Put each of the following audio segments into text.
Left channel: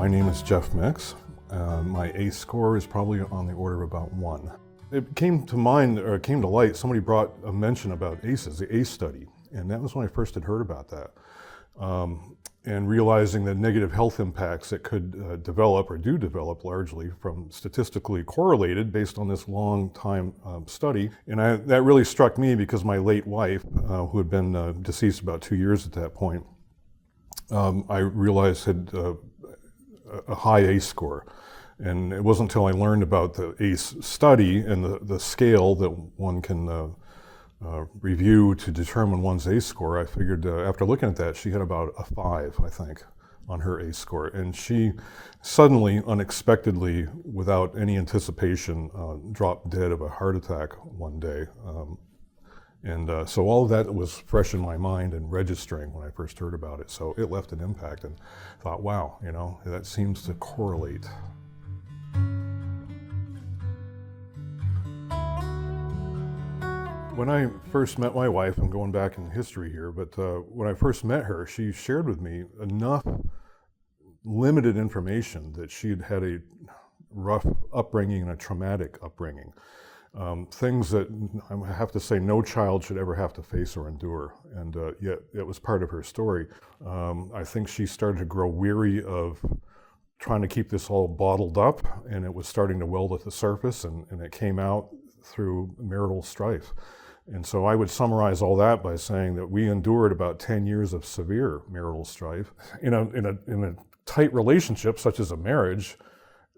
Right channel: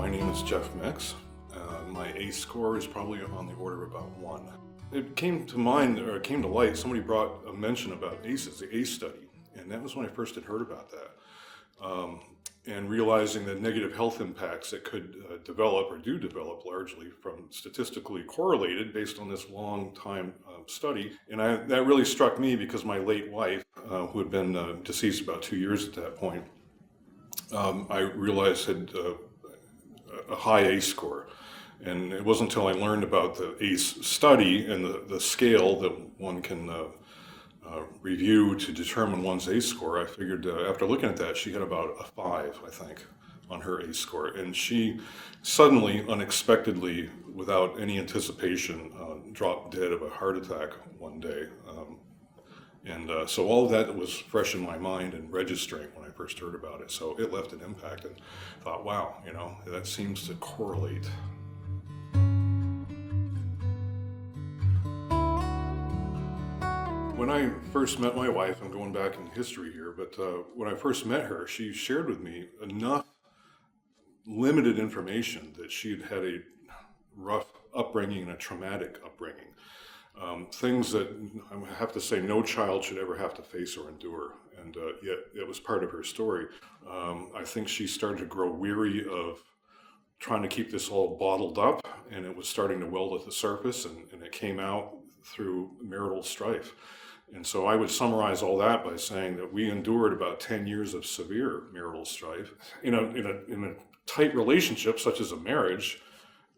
My name is Jeff Mix. My ACE score is probably on the order of about 1. It came to mind, or it came to light, somebody brought a mention about ACEs, the ACE study, and that was when I first had heard about that. And realizing the negative health impacts that could develop, or do develop largely, from statistically correlated based on this long time study. And that really struck me because my late wife, who had been deceased about 2 years at that point, I realized had a high ACE score. And it wasn't until I learned about the ACE study and the scale that one can review to determine one's ACE score, I figured after looking at that, she had about a 5, I think, on her ACE score. And she suddenly, unexpectedly, without any anticipation, dropped dead of a heart attack one day. So all of that was fresh in my mind and registering when I first heard about it. So it left an impact, and thought, wow, that seems to correlate. When I first met my wife, I'm going back in history here, but when I first met her, she shared with me enough limited information that she'd had a rough upbringing and a traumatic upbringing. Things that I have to say no child should ever have to face or endure, and yet it was part of her story. I think she started to grow weary of trying to keep this all bottled up, and it was starting to weld at the surface, and it came out through marital strife. And so I would summarize all that by saying that we endured about 10 years of severe marital strife. In a tight relationship, such as a marriage,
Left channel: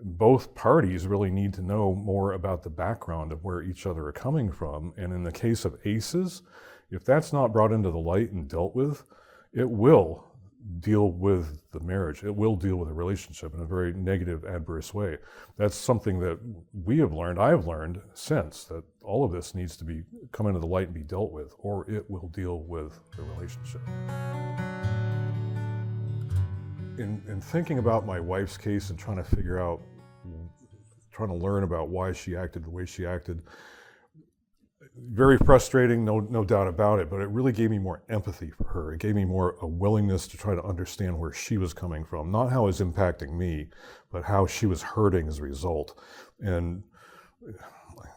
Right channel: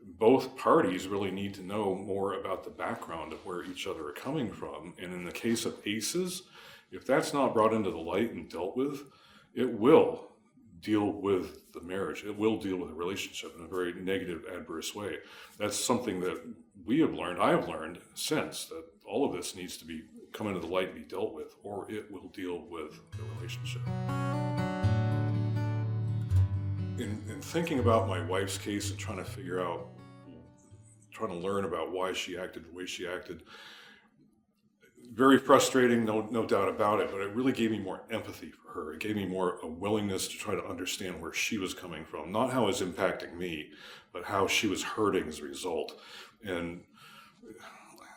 both parties really need to know more about the background of where each other are coming from. And in the case of ACEs, if that's not brought into the light and dealt with, it will deal with the marriage. It will deal with the relationship in a very negative, adverse way. That's something that we have learned, I've learned since, that all of this needs to come into the light and be dealt with, or it will deal with the relationship. In thinking about my wife's case and trying to learn about why she acted the way she acted, very frustrating, no doubt about it, but it really gave me more empathy for her. It gave me more a willingness to try to understand where she was coming from, not how it was impacting me, but how she was hurting as a result. And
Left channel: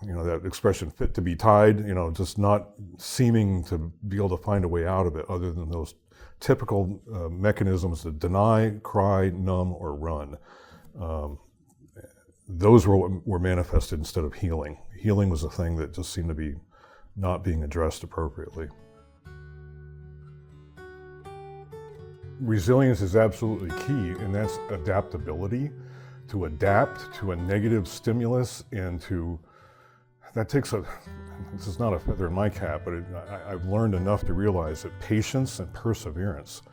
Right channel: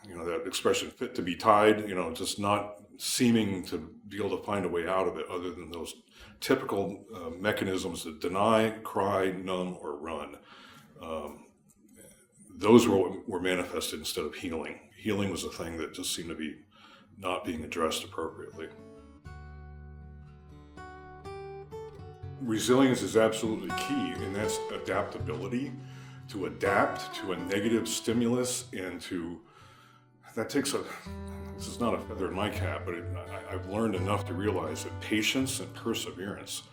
that expression, fit to be tied, just not seeming to be able to find a way out of it other than those typical mechanisms to deny, cry, numb, or run. Those were manifested instead of healing. Healing was a thing that just seemed to be not being addressed appropriately. Resilience is absolutely key, and that's adaptability. To adapt to a negative stimulus, and this is not a feather in my cap, but I've learned enough to realize that patience and perseverance,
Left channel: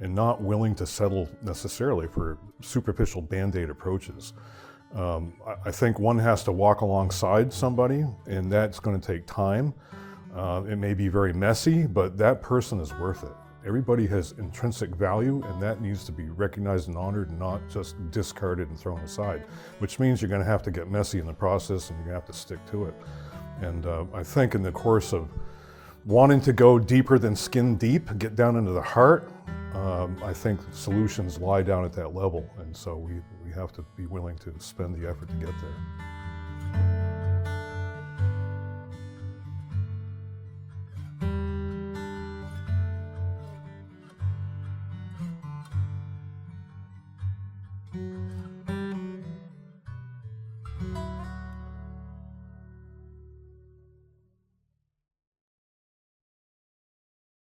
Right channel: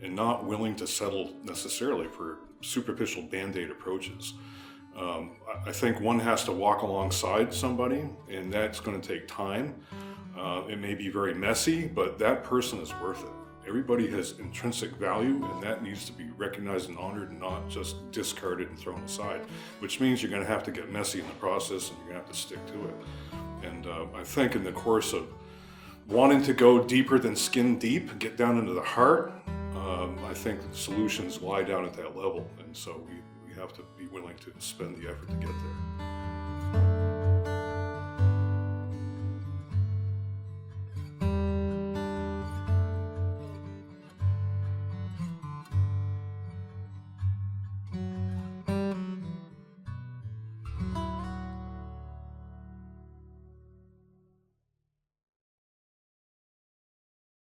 and not willing to settle necessarily for superficial band-aid approaches. I think one has to walk alongside somebody, and that's going to take time. It may be very messy, but that person is worth it. Everybody has intrinsic value, and that needs to be recognized and honored, and not just discarded and thrown aside, which means you're going to have to get messy in the process, and you're going to have to stick to it. And I think in the course of wanting to go deeper than skin deep, get down into the heart, I think solutions lie down at that level, and so we have to be willing to spend the effort to get there.